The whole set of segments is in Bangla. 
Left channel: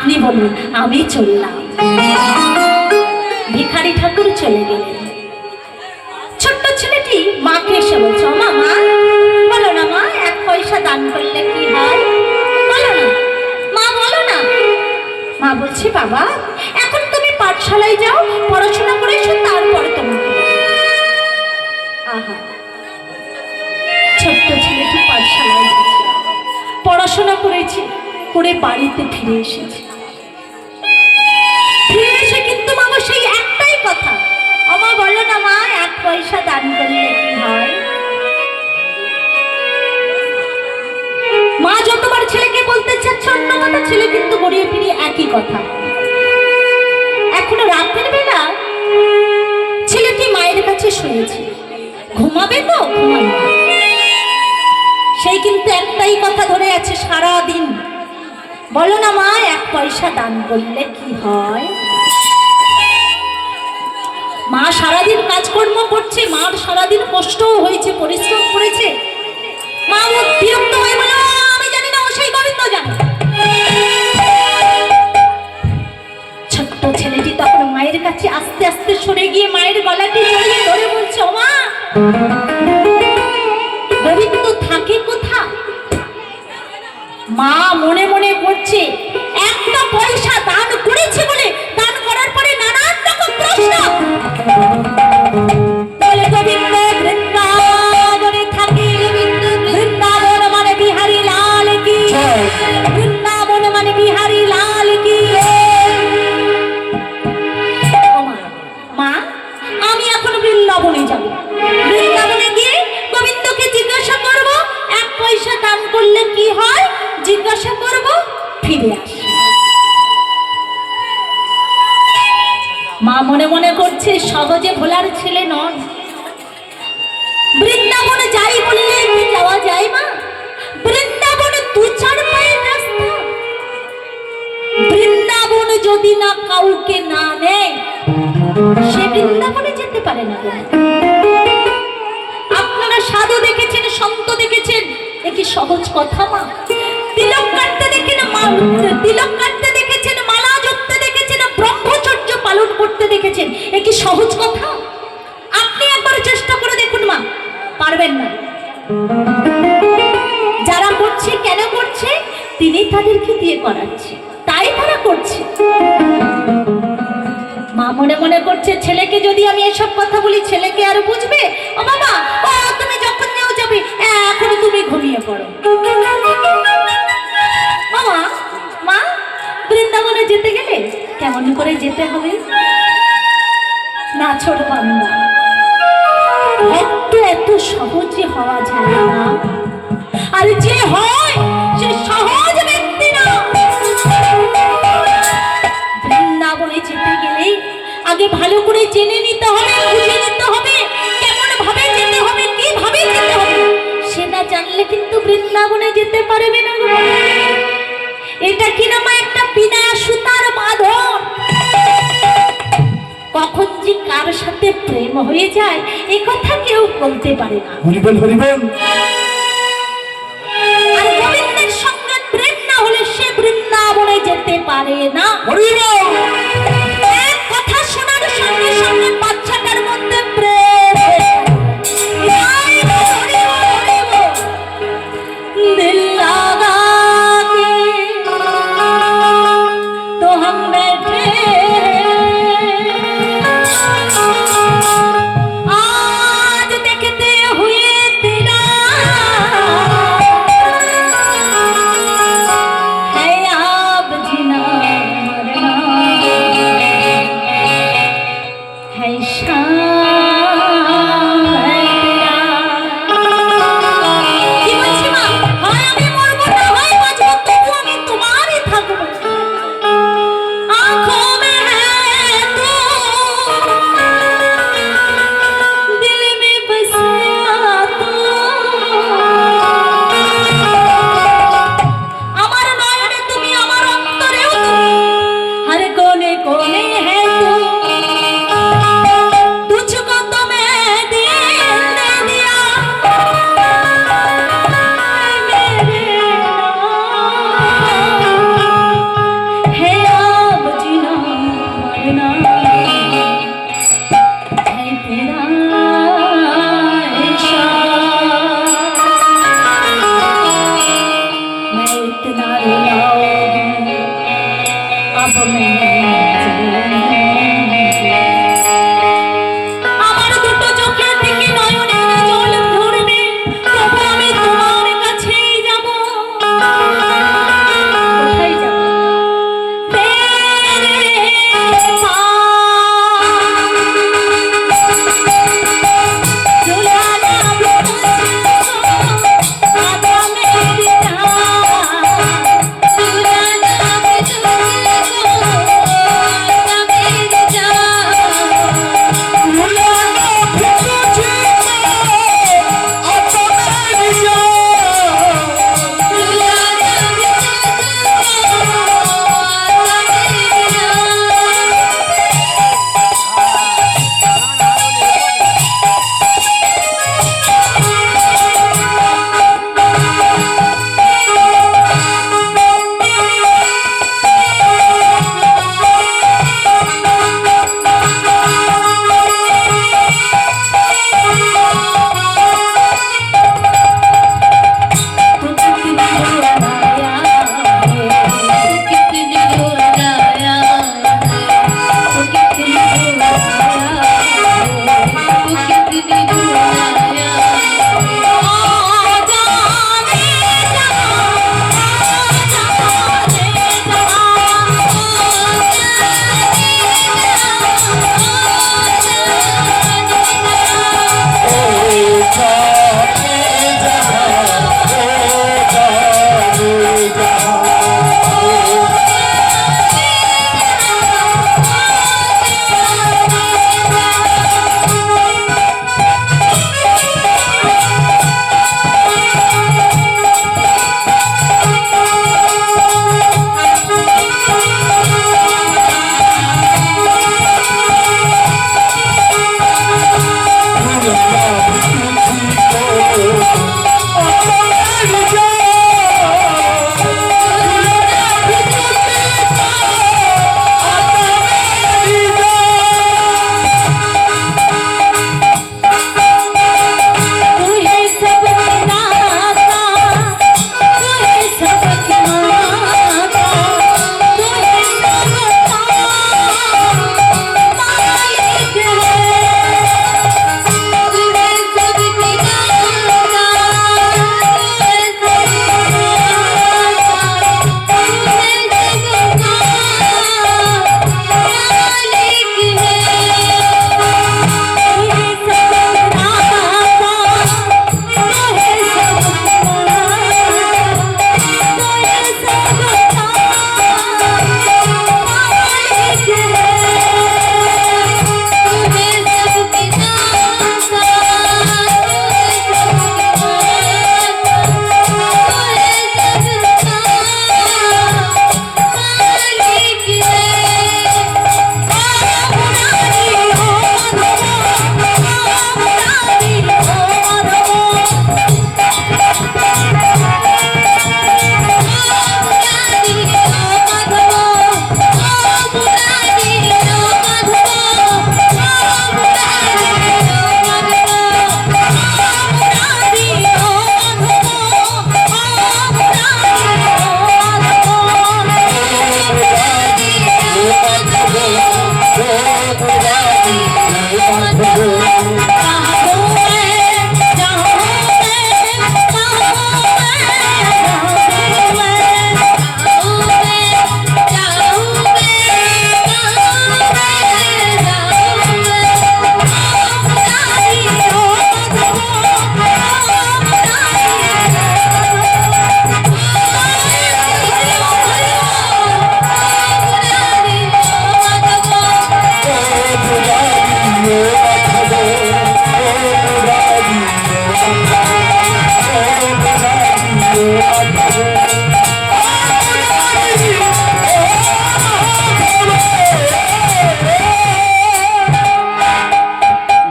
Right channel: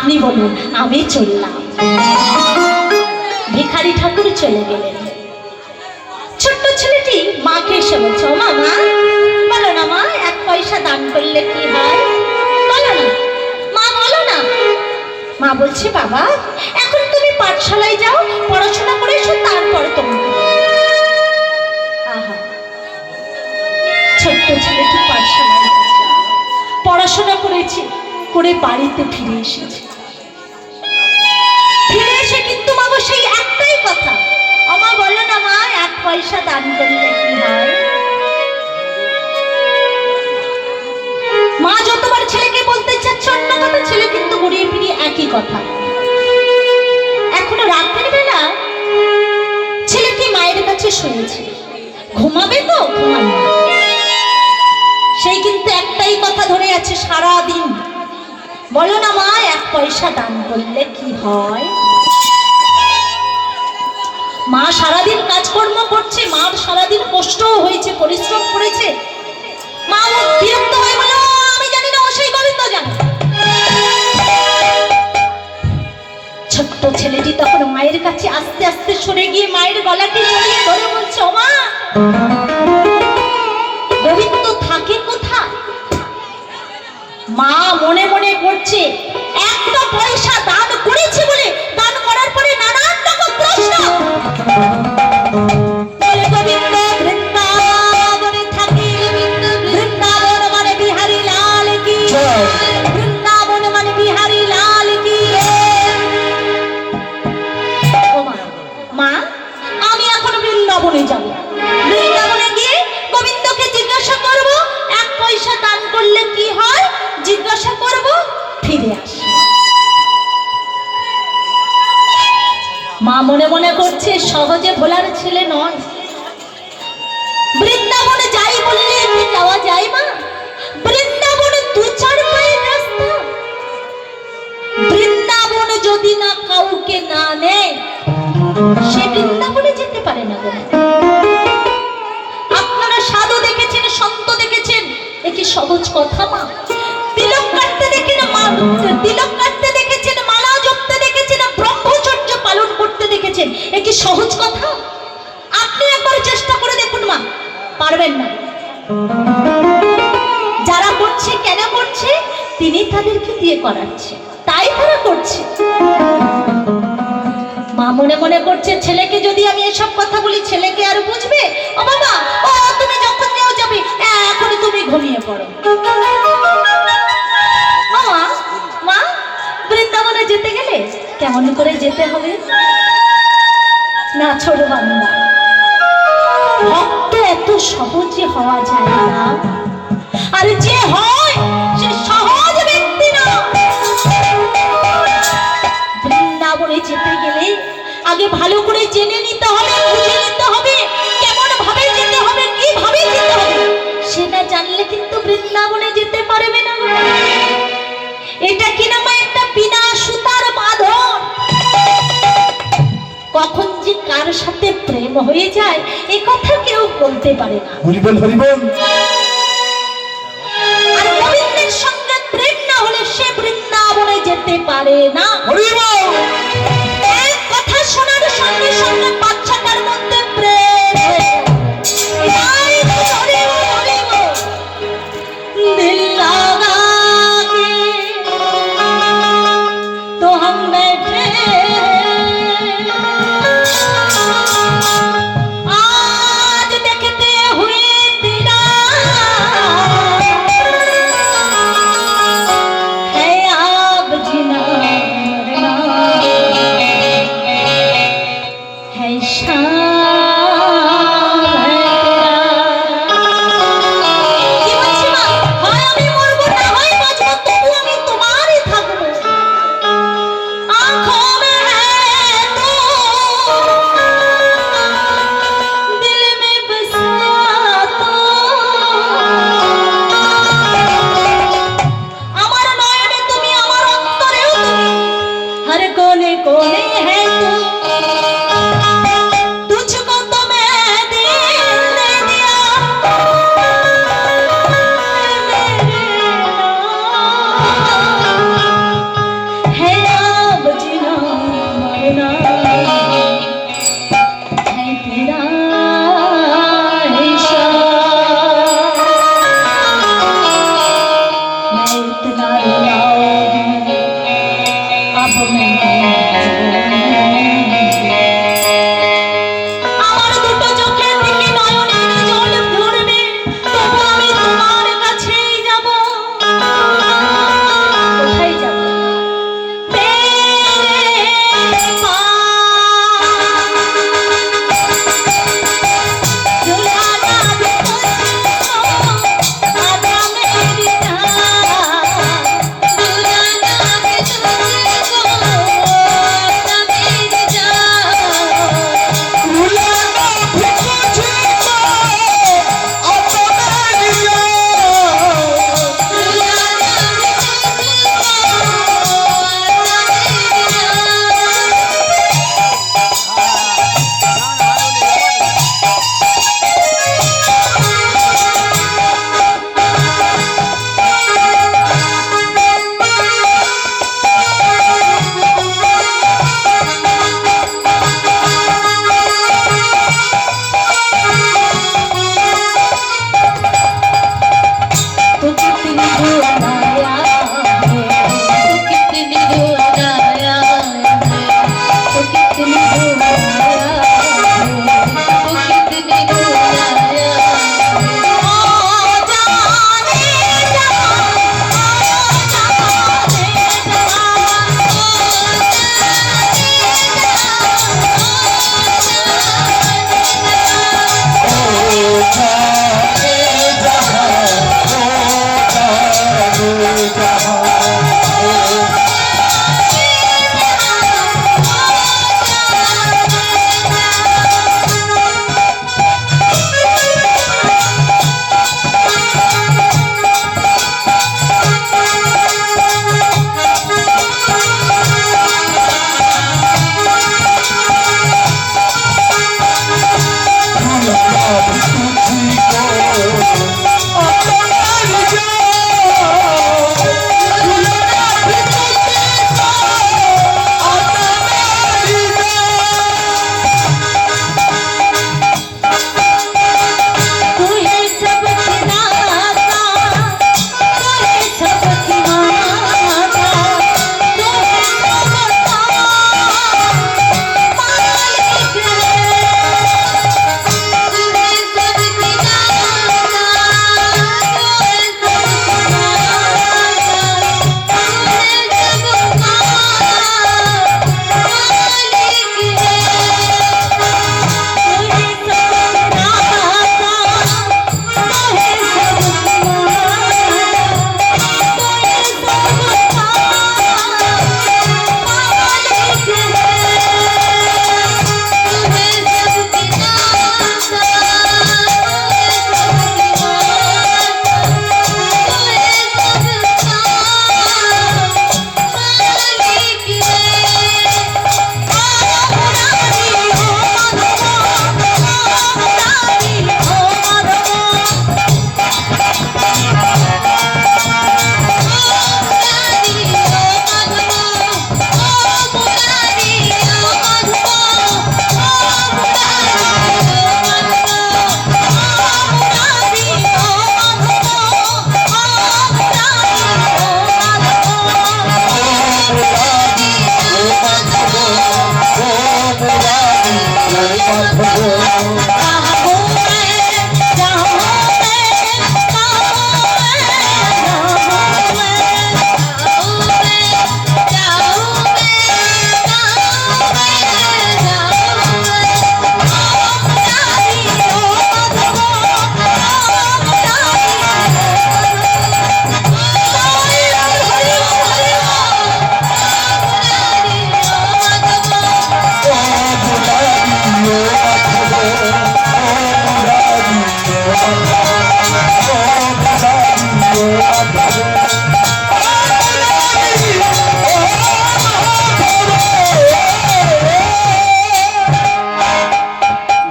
আপনি বলুন, আমি চললাম। ভিখারি ঠাকুর চলে গেলেন। ছোট্ট ছেলেটি মাকে এসে বলছে, ও মা, মা বলো না মা, 1 পয়সা দান করলে কি হয়, বলো না মা, বলো না। মা বলছে, বাবা এখন তুমি পাঠশালায় যাও, পড়াশোনা করে এসো, তারপরে তোমাকে। আহা, ছোট্ট ছেলেটি পাঠশালায় গেছে, পড়াশোনা করেছে, করে বাড়িতে ফিরে এসেছে। ফিরে এসে কিন্তু মা সেই একটাই কথা, আমা বলো না মা, 1 পয়সা দান করলে কি হয়। মা যতবার ছেলেকে বলতে চাচ্ছে অন্য কথা, ছেলে কিন্তু ঘুরিয়ে ফিরিয়ে একই কথা। এখনো রাতের বেলা ছেলেটি মায়ের কাছে শুয়েছে, ঘুমাবে তো ঘুমাবে, সেই কিন্তু একটাই কথা ধরে আছে সারাদিন, বলো না মা, 1 পয়সা দান করলে কি হয়। মা সারাদিন কাজকর্ম করছে, মার সারাদিন কষ্টও হয়েছে, পরিশ্রম করেছে। মা ও বিরক্ত হয়ে বলো, আমি জানি না, ও সেই গোবিন্দ জানে। ছোট্ট ছেলেটি তখন মায়ের কাছে আস্তে আস্তে সরে গিয়ে মায়ের গলাটি জড়িয়ে ধরে বলছে, ও মা, গোবিন্দ থাকে কোথায়। মা মনে মনে করছে, 1 পয়সা দান করেছে বলে দান করার পরে নানান রকম প্রশ্ন। বলে গোবিন্দ বৃন্দাবনে থাকে, বৃন্দাবন মানে বিহারী লাল কি, বৃন্দাবন মানে বিহারী লাল কি। ও মা, মা আমি এখন বৃন্দাবনে যাব, বৃন্দাবনে গিয়ে গোবিন্দকে জিজ্ঞাসা করব 1 পয়সা দান করলে কি হয়, জিজ্ঞাসা করব, ফিরে আসি। মা মনে মনে করছে, সহজে ভোলার ছেলে নয়, বৃন্দাবনে যাই বললে কি যাওয়া যায় মা, বৃন্দাবনে 2-4 পায়ের রাস্তা, বৃন্দাবনে যদি না কাউকে না নেয় সে বৃন্দাবনে যেতে পারে না। আপনারা সাধু দেখেছেন, সন্ত দেখেছেন, এ কি সহজ কথা মা। তিলক কাটতে দেখেন, মা তিলক কাটতে দেখেছেন, মালা জপতে দেখেছেন, ব্রহ্মচর্য পালন করতে দেখেছেন, এ কি সহজ কথা। আপনি একবার চেষ্টা করে দেখুন মা, পারবেন না। যারা করছে কেন করছে, তিনি তাদেরকে দিয়ে করাচ্ছে, তাই তারা করছে। মা মনে মনে করছে, ছেলেকে যদি আমি এসব কথা বলি ছেলেকে আর বুঝবে। ও বাবা, ও তুমি যখন যাও যাবে, এখন তুমি ঘুমিয়ে পড়ো। মামা, মা বৃন্দাবনে যেতে গেলে কেমন করে যেতে হবে না, ছোট বান্দা, এত সহজে হওয়া যায় না, আর যে হয় সে সহজ ব্যক্তি না। বৃন্দাবনে যেতে গেলে আগে ভালো করে জেনে নিতে হবে, বুঝে নিতে হবে, কেমন ভাবে যেতে হবে, কিভাবে যেতে হবে, সেটা জানলে কিন্তু বৃন্দাবনে যেতে পারবে না। এটা কিনা মা একটা বিনা সুতার বাঁধন, কখন যে কার সাথে প্রেম হয়ে যায় এ কথা কেউ বলতে পারে না। হরিবল হরিবল। আর গোবিন্দের সঙ্গে প্রেম না হলে সে বৃন্দাবনে যেতে পারে না। হরিবল। এক কথা শোনার সঙ্গে সঙ্গে বাচ্চাটার মধ্যে প্রেম দিল লাগা কে তো হাম बैठे आज देखते हुए तेरा है आप जीना मरना যাব মেলা আমার দুটো চোখের থেকে নয়নের জল ভরবে তবু আমি তোমার কাছেই যাব কোথায় যাব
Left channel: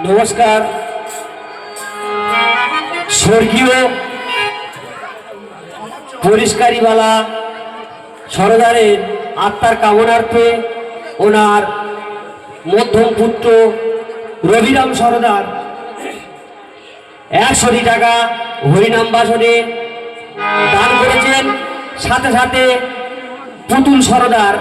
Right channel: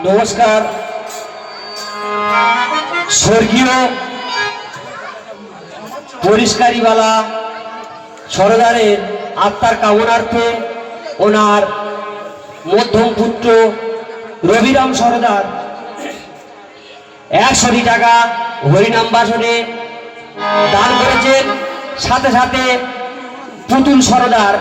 নমস্কার। স্বর্গীয় পরিষ্কারীওয়ালা সরদারের আত্মার কামনার্থে ওনার মধ্যম পুত্র রবিরাম সরদার 100 টাকা হরিনাম বাসনে দান করেছেন। সাথে সাথে পুতুল সরদার